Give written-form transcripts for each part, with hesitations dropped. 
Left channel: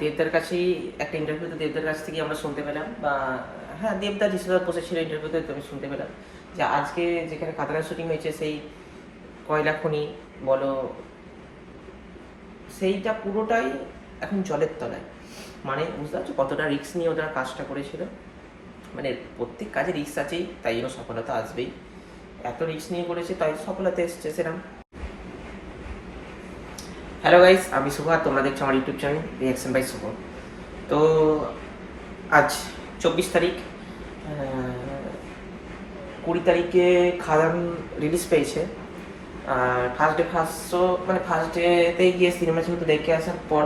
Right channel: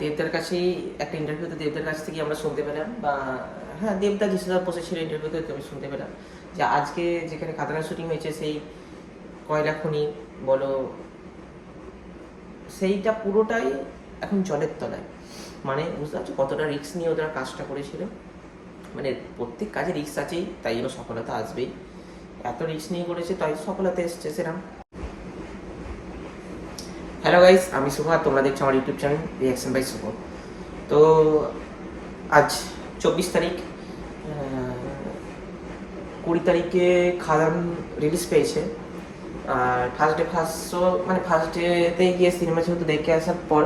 দেবদার কাছেই একটা ইন্টারভিউতে দেবদার কাছ থেকে আমরা শুনতে পেলাম, বা হ্যাঁ দেবদা যেসব বসেছিল ইন্টারভিউতে আমি শুনতে পেলাম যে আজকে যেখানে খাদানা শুটিং হয়েছে সেই কয়লা খনি বলো, সেইটা পুরোটাই এখন জলের তলায়। মানে বুঝতে পারছো কতটা রিস্ক নিয়ে ওরা কাজটা করেছিল। মানে প্রত্যেক কাজে রিস্ক আছেই, তাই জন্য সফলতা আসবেই। এত রিস্ক নিয়ে করেছে তাই সফলতা এসছে সেরকম। হ্যালো গাইস, আমি শুভ, তোমরা দেখছো আমার ইউটিউব চ্যানেল রিয়াকশন বাই শুভ। তো আজ 24 তারিখ, 20 তারিখে খাদান রিলিজ পেয়েছে। আর ফার্স্ট ডেতেই গিয়ে সিনেমা যেহেতু দেখে আসার পর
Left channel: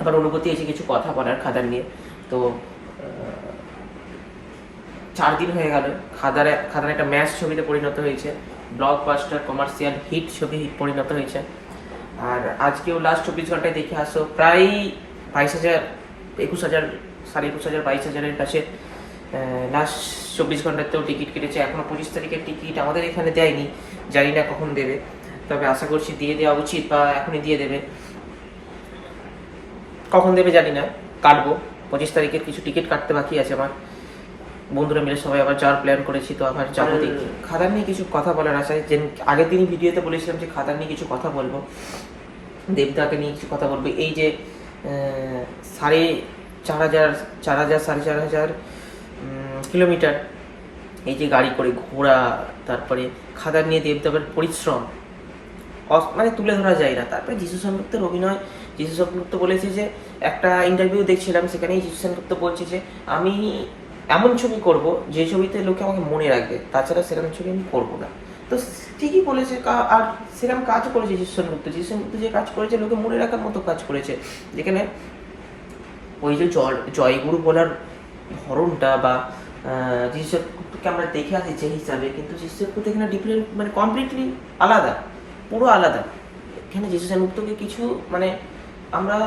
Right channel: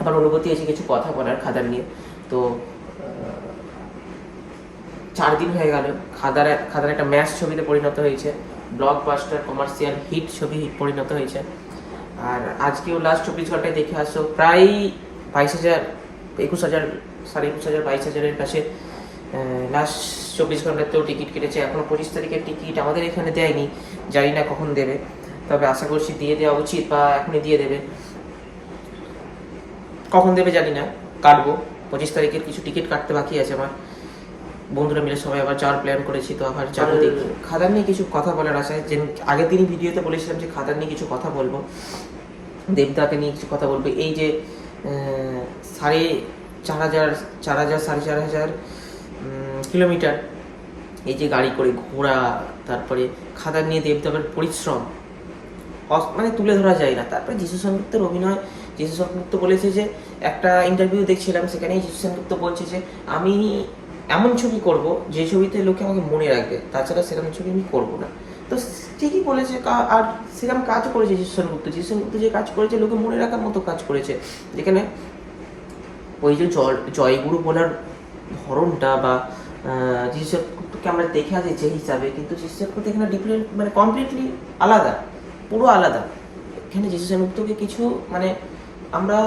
আবার অনুভূতি এসে কিছু কথা বলার খাদান নিয়ে। তো 4 দিন হয়ে গেল খাদান একটা ম্যাচ ছবিতে পরিণত হয়েছে, ব্লকবাস্টার কমার্শিয়াল হিট ছবি পরিণত হয়েছে। আর আজকেও লাস্ট 24 ঘন্টায় দেখে আসো প্রায় 22,000, 21,000, 21,500, 22,000-এর কাছে লাস্ট 24 ঘন্টাতেও টিকিট কেটেছে। এখনো 25 তারিখের টিকিট আমাদের এখানে দেয়নি, জানি না কখন দেবে, তবে আশা করছি দিয়ে দেওয়া উচিত বা এখনই দিয়ে দেবে। কখন দেবে জানি না, কাটবো। 25 তারিখের কিছু টিকিট কাটতে বাকি আছে আমার, বন্ধুরা মিলে সবাই আবার যাওয়ার প্ল্যান করেছি, তো আবার যাবো দেখি। খাদান নিয়ে কিছু কথা বলার আশায়, যে আগের দিনই ভিডিওতে বলেছিলাম যে খাদান নিয়ে কিছু কথা বলবো, দেবদাকে নিয়ে কিছু কথা বলবো। এই যে 4,500 কিলোমিটার এই যে গাড়ি করে ঘোরা, তারপরে খাদান নিয়ে দেবদাবের পরিশ্রম মানে তুলে ধরা যায় না। তারপরে যিশু সেনগুপ্তের অভিনয়, যিশু সেনগুপ্ত বলেছে যে, একটা ইন্টারভিউ দেখছিলাম সেখানেই যিশু সেনগুপ্ত বলছে যে আমি এমন ছবি করব যে ছবিতে লোকে আমাকে মনে রাখবে, তাছাড়া সেরকম ছবি আমি করবো না। তো ঠিকই বলেছে, আর সেরকম কাজ করেছে যিশু সেনগুপ্ত যে কাজ করেছে লোকে মনে রাখার মতো কাজ করেছে। যেখানে ওই যে জয়গুরু বলার ধরনটা বা যিশু সেনগুপ্তকে আমরা দেখে আছি যে হিসাবে, কিন্তু যিশু সেনগুপ্ত এখানে ডিফারেন্ট, মানে কমপ্লিটলি আলাদা, পুরো আলাদা। এখানে যিশু সেনগুপ্তকে কিছু মানে আমরা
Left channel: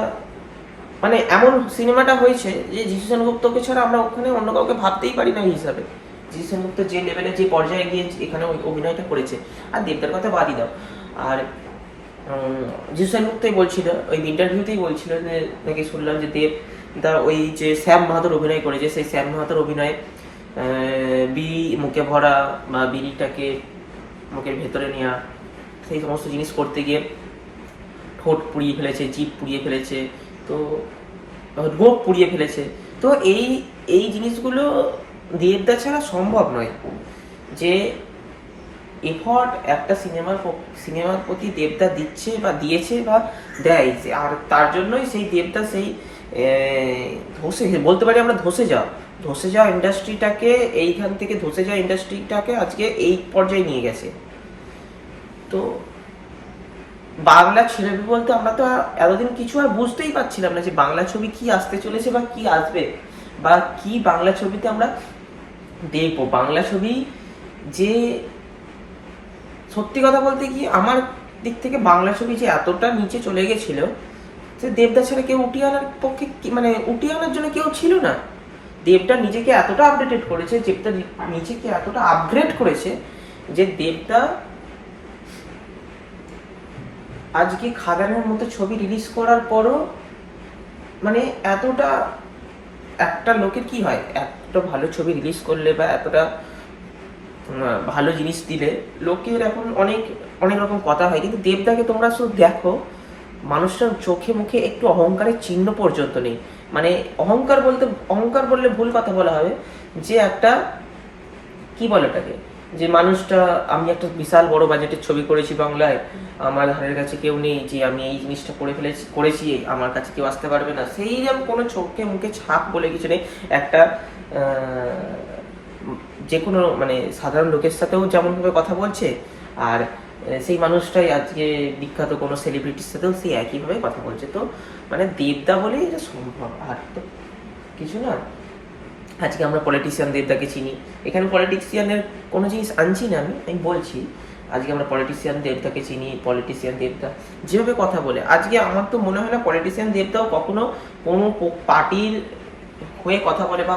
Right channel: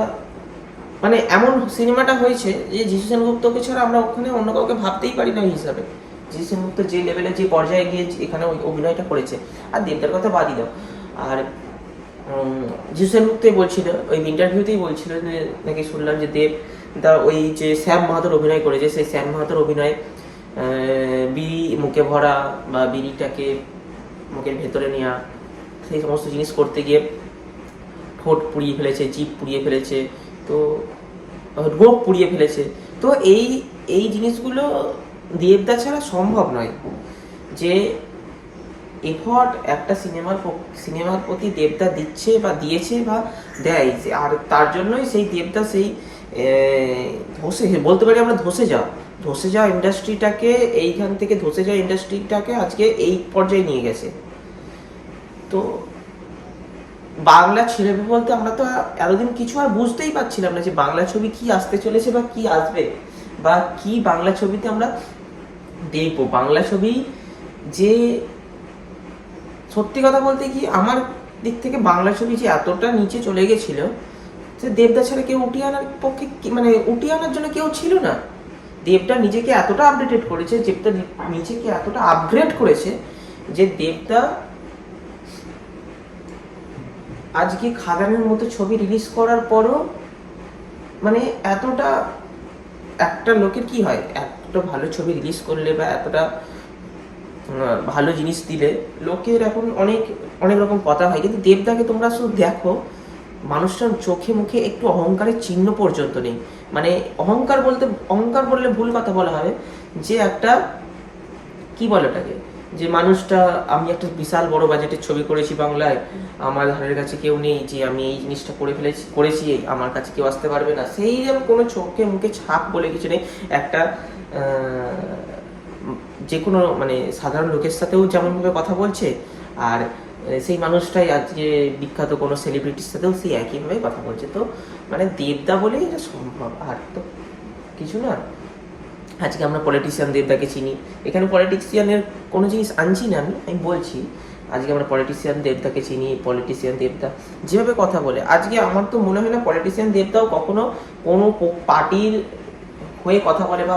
মানে এমন সিনেমাটা হয়েছে যে যিশু সেনগুপ্তকে ছাড়া আমরা ওখানে অন্য কাউকে ভাবতেই পারি না হিসাবে। যিশু সেনগুপ্ত যে লেভেলে যে পর্যায়ে গিয়ে এখানে অভিনয়টা করেছে, আর দেবদার কথা বাদই দাও। আর যিশু সেনগুপ্তই বলছিল, ওই ইন্টারভিউতেই বলছিল যে নাকি শুনলাম যে দেবদা ওই যে শ্যাম মাহাতোর অভিনয় করেছে, সেই শ্যাম মাহাতোর অভিনয়ে বিড়ি মুখে ভরা বা বিড়িটাকে মুখের ভেতরে নেওয়া, সেই সমস্ত জিনিস করতে গিয়ে ঠোঁট পুড়িয়ে ফেলেছে, জিভ পুড়িয়ে ফেলেছে, তো রোগ পুড়িয়ে ফেলেছে। তো এই জিনিসগুলো দেবদা ছাড়া সম্ভব নয়। যে এফর্ট একটা সিনেমার প্রতি দেবদা দিচ্ছে বা দিয়েছে বা দেয়, আর তার জন্যই সেই দেবদা সেই বলতে পারি আমরা ধসে যাওয়া ইন্ডাস্ট্রিটাকে, এইখান থেকে ধসে যাওয়া ইন্ডাস্ট্রিটাকে আজকে এই পর্যায়ে নিয়ে গেছে। তো বাংলা ছেড়ে বলতে আমরা তো এতদিন কিছু আর বুঝতেই পারছিলাম না যে বাংলা ছবি কি আসতে চলেছে বা কি আসবে বা কি বাংলা ছবিতে আমরা দেখবো। বাংলা ছবি যে সত্যি কথা বলতে কি আমার দিক থেকে বাংলা ছবি যে এতটা নিচে চলে গেছিল, সে দেবদা ছাড়া কেউ উঠিয়ে আনার পক্ষে, মানে উঠিয়ে আনার জন্য কেউ ছিল না। দেবদা নিজেকে এতটা আপডেটেড করেছে, দেবদা নিজেকে এতটা আপগ্রেড করেছে যে দেবদা আজকে খাদানের মতো ছবি রিলিজ করার পরও মানে এতটা, একটা লোকের কি হয়, এতটা ভালো ছবি রিলিজ করলে বা এতটা ভালো জিনিস দিলে লোকের এখন অনেক অনেক রকম কথা হয়, কিন্তু দেবদাকে তোমরা শুধু দেখো, মানুষটার চোখে মুখে একটু অহংকারের চিহ্ন পর্যন্ত নেই। মানে অহংকার বললে ভুল কথা বলা হবে, যে একটা কি বলে ওটাকে, যে মানুষটা আমি একটা বিশাল বড় বাজেটের ছবি করেছি বাংলায়, আমার ধারের কাছে কেউ নেই, যে আমি এই জিনিসটা করেছি আমার কাছে কেউ আসতে পারবে না, সেই রকম কোনো চোখে মুখে ছাপ বলে কিছু নেই। একটা যে কোনো মানে সাধারণ লোকের সাথেও যেমনভাবে কথা বলছে, আর সেই মানুষটাই আজকে বিখ্যাত কোনো সেলিব্রিটির সাথেও সেই একইভাবে কথা বলছে। তো মানে দেবদা বলেই এটা সম্ভব, আর তো কিছু না। আজকে আমরা পলিটিশিয়ান দেবদাকে চিনি, এখানে পলিটিশিয়ানের কোনো জিনিস আনছি না, আমি বলছি আজকে আমরা পলিটিশিয়ান দেবদাকে চিনি। পলিটিশিয়ান দেবদা যেভাবে কথা বলে, আজকে আমার তো মনে হয় না পলিটিশিয়ান দেবদাও কখনো কোনো পার্টির হয়ে কথা বলে, বা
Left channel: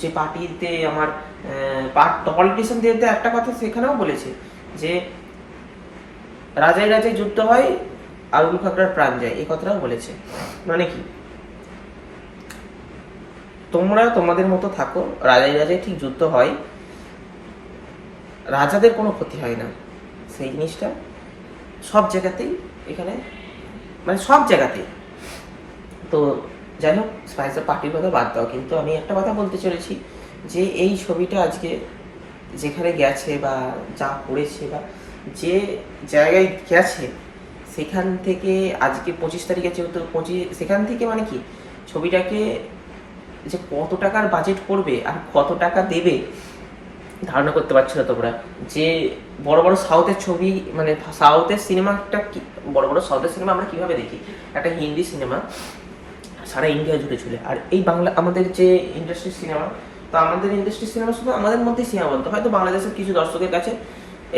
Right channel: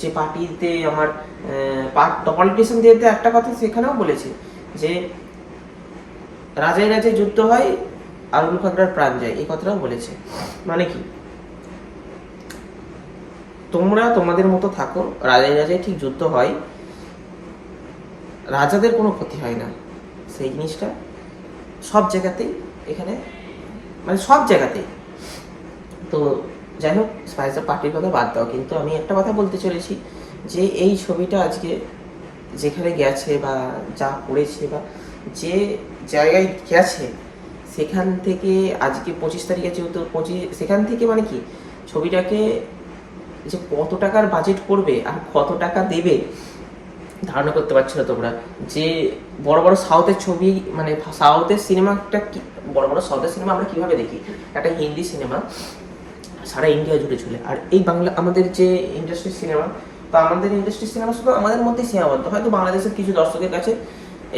যে পার্টিতে আমার পলিটিশিয়ান দেবদা একটা কথা সেখানেও বলেছে যে রাজায় রাজায় যুদ্ধ হয় আবুল খাগড়ার প্রাণ যায়, এই কথাটাও বলেছে। মানে কি, তোমরা তোমাদের মতো থাকো, রাজায় রাজায় ঠিক যুদ্ধ হয়, রাজাদের কোনো ক্ষতি হয় না, সেই জিনিসটা সব জায়গাতেই এখানে, মানে সব জায়গাতেই। তো যাই হোক, স্পাইস অফ পার্টির কথা বাদ দাও, কিন্তু আমি একটা কথা বলতে চলেছি যে এই ছবিটা আজকে যেখানে গেছে বা যা করেছে বা যে জায়গায় গেছে, সেখান থেকে আজকে 25 তারিখে যেহেতু সেখান থেকে মানে কি ছবিটাকে যে কত টাকার বাজেট করবে আর কত টাকা দেবে ধারণা করতে পারছো না তোমরা। যে বড় বড় সাউথের ছবি, মানে সাউথের সিনেমাটা কি, বড় বড় সাউথের সিনেমা আমরা কিভাবে দেখি, একটা হিন্দি সিনেমা সারা ইন্ডিয়া জুড়ে চলে, আর এই বাংলা আমাদের যে ইন্ডাস্ট্রির সিনেমা, তো আমাদের ইন্ডাস্ট্রির সিনেমা শুধু আমাদের মধ্যেই সীমাবদ্ধ। হয়তো বাংলাদেশের কিছু দর্শকের কাছে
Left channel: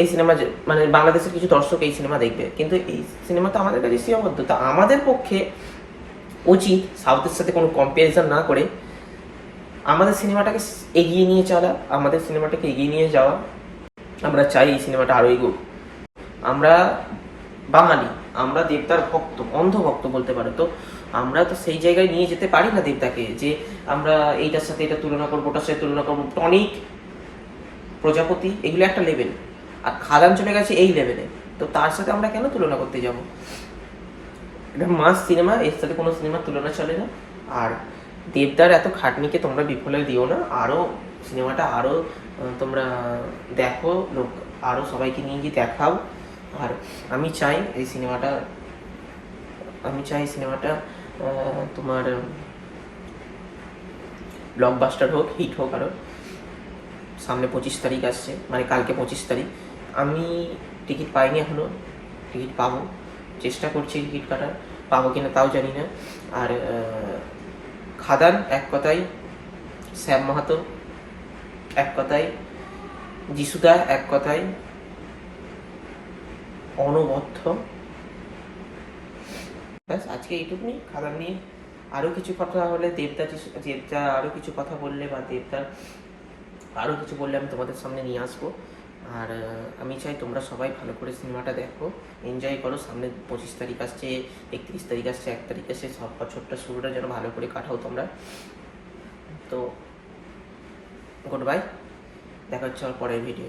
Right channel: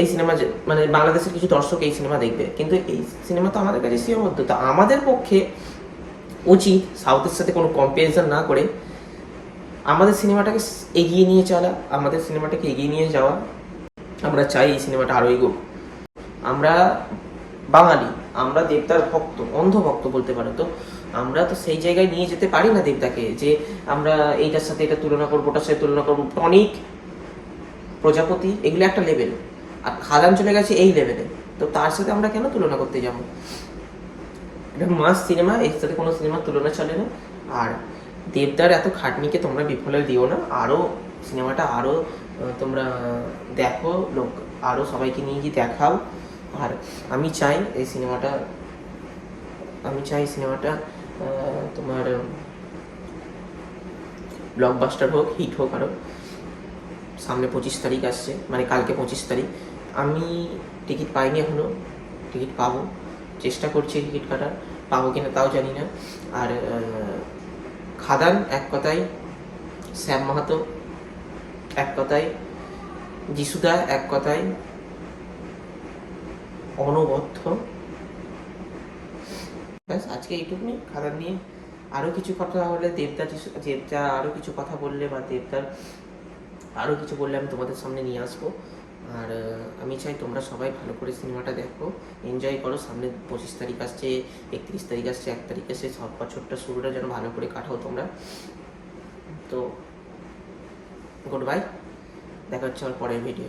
এই সিনেমা, মানে বাংলাদেশের কিছু দর্শক এই সিনেমা দেখবে, কিন্তু এই সিনেমা তো আমাদের কাছে সীমাবদ্ধ। তো আমাদের পক্ষে উচিত সাউথের সাথে কোনো কম্পারিজন না করে আমাদের সিনেমাটাকে এগিয়ে নিয়ে চলা, আমাদের সিনেমাটাকে এগিয়ে নিয়ে যাওয়া। আমরা চাই এই সিনেমাটা আরও এগোক। আমরা বাঙালি, আমরা দেবতার ভক্ত, অন্ধ ভক্ত বলতে পারো। তো আমরা তো সেই জায়গায় নিয়ে যেতে পারি না দেবতাকে, যে আমরা এইটার সাথে এটা তুলনা করবো, ওটার সাথে তুলনা করবো। টনিক, প্রজাপতি, এগুলো একটা লেভেল, আর খাদান চলে গেছে এই লেভেলে। তো তার সাথে আমরা কেন তুলনা করতে যাবো? এটা মাস সিনেমা, এর সাথে কোনো সিনেমার তুলনা চলে না। আর দেবদার এত খাটনিকে তোমরা বিফলে দিও না, আরও সিনেমাটা আরও তোমরা দেখো, লোক আরও সবাইকে নিয়ে গিয়ে দেখাও। আর আমি চাই এই সিনেমাটা তোমার ব্লকবাস্টার হোক, হিট হোক আরও। সামনে 25 তারিখ আসছে, মানে কালকে 25 তারিখ। আমি টিকিট পাইনি এখনও, টিকিট পাবো, চেষ্টা করছি টিকিট কাটার, পাবো কিনা তাও জানি না। আর খাদান এক কথায়, শ্যাম মাহাতো এক কথায়, যিশুদা এক কথায়, অনবদ্য। ব্যাস, আজকে এইটুকুনি খাদান নিয়ে। আরও কিছু কথা হলে দেবদা আরও কিছু কথা বললে বা দেবদার আরও কিছু বললে আমি তোমাদের সামনে নিয়ে আসবো। আর আমি চাই তোমরা সবাই ভালো করে সিনেমাটা দেখো, এনজয় করো। সামনে 25 তারিখ আসছে, 31 তারিখ আসছে, 1 তারিখ আসছে, সব বছরটা শুরুটা যেন ভালো করে কাটাও তোমরা। তো গুড বাই, দেখা হচ্ছে আমার পরের ভিডিও।